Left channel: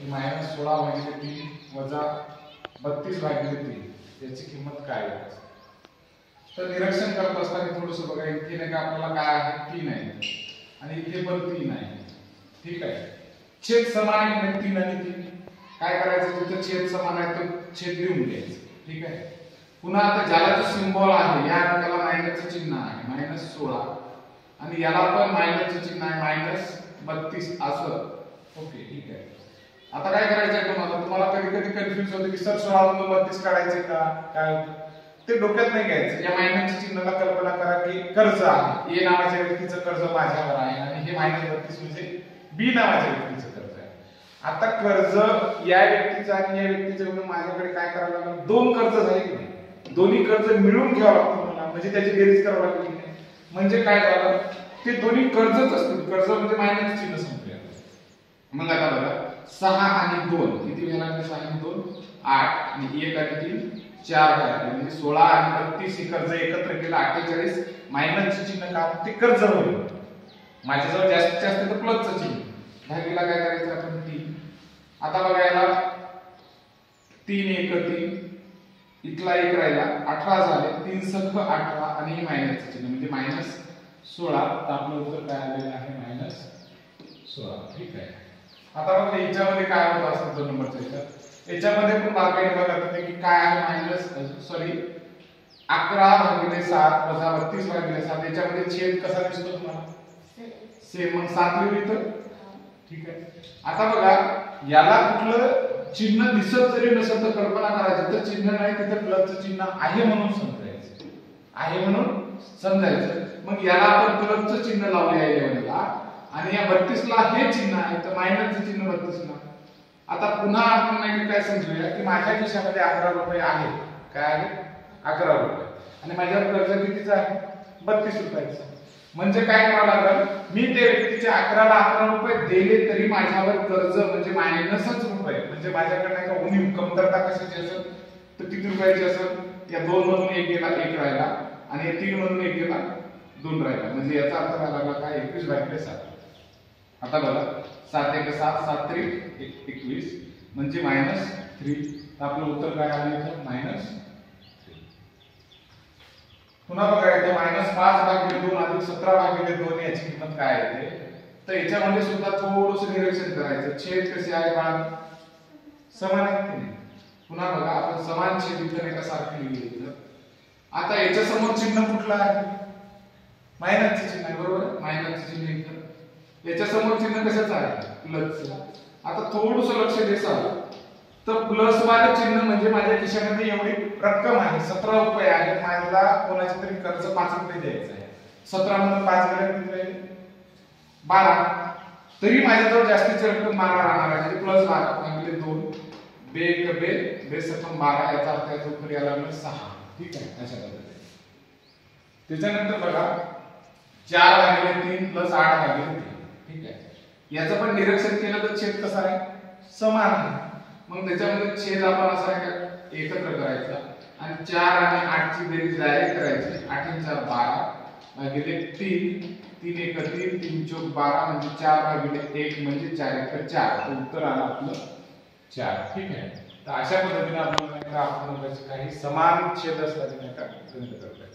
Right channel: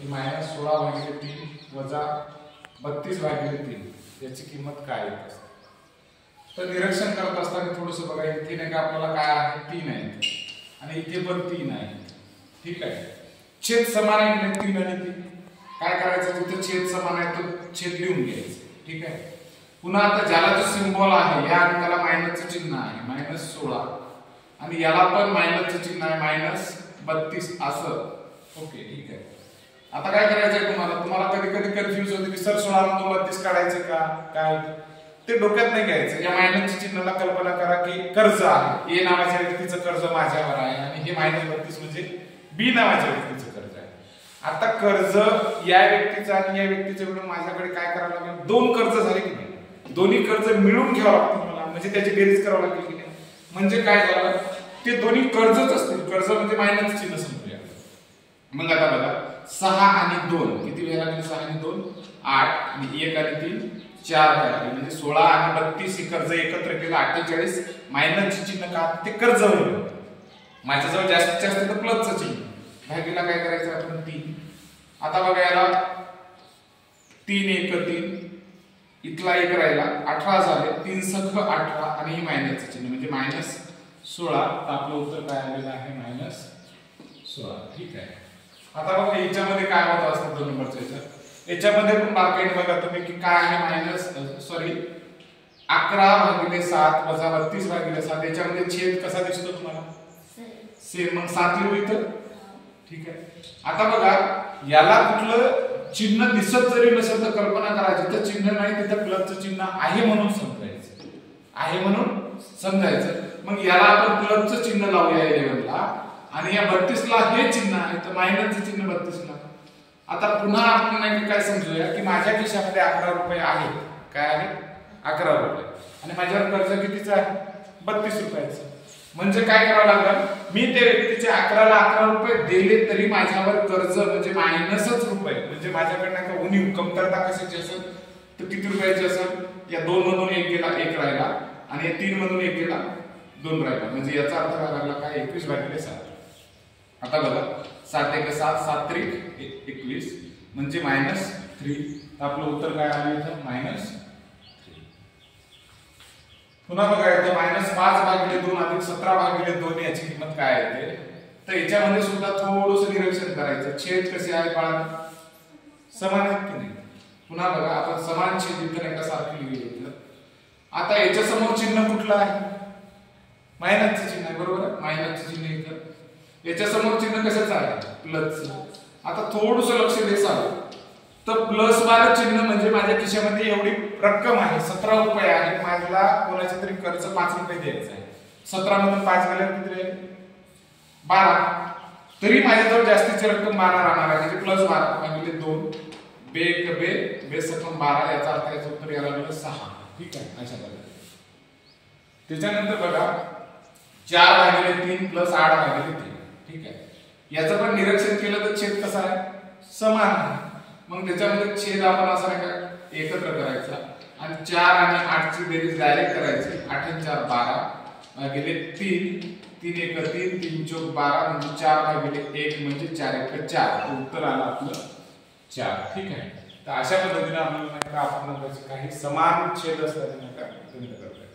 की -16 भागिले 3 वजा 32 भागिले 3 याची किंमत काय येत असते. तर निरीक्षण करत असताना थोडंसं बघा, इथे नाही का आपल्याला काय आहे 3 आहे आणि इथे पण 3 आहे. ठीक आहे, छेद समान आहे म्हणजे 3 आणि 3. काय करायचं, जिथे छेद समान आहे तो छेद लिहून घ्यायचं. ठीक आहे, पुन्हा आता ज्याला जो सिंबल आहे ह्या अंकाला मायनसचं चिन्ह आहे -16 आणि याला पण मायनसचं चिन्ह आहे -32 असं. ओके ठीक आहे. आता काय करायचंय तुम्हाला कधी कधी कन्फ्युज होते की सर 16 मधून 32 काढायचं का काय, ते डोक्यात नाही घ्यायचं. या मायनसच्या चिन्हाला कल्पना करा की कर्ज आहे, ए नावाच्या व्यक्तीचं कर्ज माझ्यावर आहे आणि हे -32 म्हणजे बी नावाच्या व्यक्तीचं कर्ज आहे. आता कर्ज या व्यक्तीचं आणि या व्यक्तीचं मिळून माझ्याकडे काय करावं लागेल, 2 कर्ज झाले की नाही, दोन्ही कर्ज मिळून घ्यावं लागतील मला, म्हणजे त्याची बेरीज करावं लागेल की नाही. म्हणजे काय झालं, ते दोन्ही कर्जच असतील, कर्ज म्हणजे मायनस चिन्ह संपूया. मग आता बघा 6 आणि 2 किती वेळा लागले, 6 आणि 2 8 आणि 1 आणि 3 4 झाले, म्हणजे 16 आणि 32 हे कर्ज एकत्र केलं 48. मायनसचे चिन्ह का, ते कर्ज होईल. माझ्याजवळ जास्तीत जास्त तर प्लसचं चिन्ह, भागीला काय करायचं आपण 3. आता बघा याला 3 1 3 इथला 1 राहिला 18 झाले, 3 सख 18 आणि हे मायनसचं चिन्ह म्हणजे -16. तर आपलं उत्तर काय आलेलं आहे -16. ठीक आहे. आता बघा याच्यामध्ये काय होत असतं 2 नंबरच्या याच्यामध्ये पण बारकाईने बघा तुम्ही की काय आहे 11 भागिले 7 वजा 32 भागिले 7. याच्यामध्ये छेद कसा दिसतो तुम्हाला, सेम. मग 7 लिहू इथं. ठीक आहे. आता बघा याला कुठलं चिन्ह दिसत जरी नसेल तर कल्पना करा, जिथं चिन्ह नाही तिथं प्लसचं चिन्ह आहे म्हणून समजायचं, आहे म्हणून समजायचं. मग याला आपण प्लसचं चिन्ह लावूया 11ला आणि या 32ला हे चिन्ह आहे तर मायनसचं चिन्ह 32ला. आता पुन्हा आपण नाही काय समजूया की माझ्या खिशामध्ये 11 रुपये आहेत. काय आहे, 11 रुपये आणि माझ्यावर कर्ज कितीचं आहे, 32 रुपयाचं. म्हणजे काय करावं लागेल, मी ते व्यक्तीचे 11ला 11 रुपये दिले तरी माझ्यावर कर्ज म्हणजे मायनसच रुपये, म्हणजे माझ्याकडे नाही का उणीव कमतरता कशाची असेल तर किती रुपयाची असेल. या 2 मधून 1 गेला 1 राहिला आणि या 3 मधून 1 गेला 2 राहिला, म्हणजे याचा अर्थ काय लागला काय 21 भागिले 7. आता बघा 7 1 7 7 3 21 म्हणजे -3. आपलं उत्तर काय आलं इथं -3. पुन्हा बघा येतो -5 भागिले 2 अधिक 17 भागिले 2 याची किंमत काय येते. तर याच्यामध्ये सुद्धा थोडंसं निरीक्षण करायचं, छेद कसे आहे बाळा, समान आहेत की नाही. पुन्हा बघा आपण समान छेद इथं नाही का सारखे लिहिले. आता याच्या समोर चिन्ह कुठलं आहे, मायनसचं चिन्ह आहे, बरोबर आहे. मायनसचं चिन्ह इथं, याच्या समोर चिन्ह कशाचं आहे, प्लसचं. आता थोडंसं लक्ष द्यायचं तर प्लस वालं चिन्ह म्हणजे माझ्या खिशामध्ये एवढी रक्कम आहे 17 रुपये आहे, माझ्याला कोणाचे तरी कर्ज 5 रुपये द्यायचं आहे. 17 मधून 5 गेले किती राहिले, 12. तरी माझ्याजवळ जास्तीची रक्कम 12 राहणार आहे, म्हणजे +12 भागिले 2 बे सकम 12. याचा अर्थ याचं उत्तर यायला लागलं 6. ठीक आहे, अशा पद्धतीने. त्याच्यानंतर बघा 4 भागिले 3 + 8 भागिले 3. ठीक आहे, याचं पण निरीक्षण केलं तर छेद कसा आहे, समान आहे. मग त्याच्यामध्ये छेद आपण असा एकत्र करायचा आणि 4 आणि 8 ची बेरीज डायरेक्ट करायची. 8 आणि 4 12 भागिले 3 3 1 3 3 चौक 12 म्हणजे 4 भागिले 1 म्हणजे 4 1 4. उत्तर आलं आपलं 4. ठीक आहे. तर अशा पद्धतीने आपण काही समान छेद असल्याचे गणित करतो.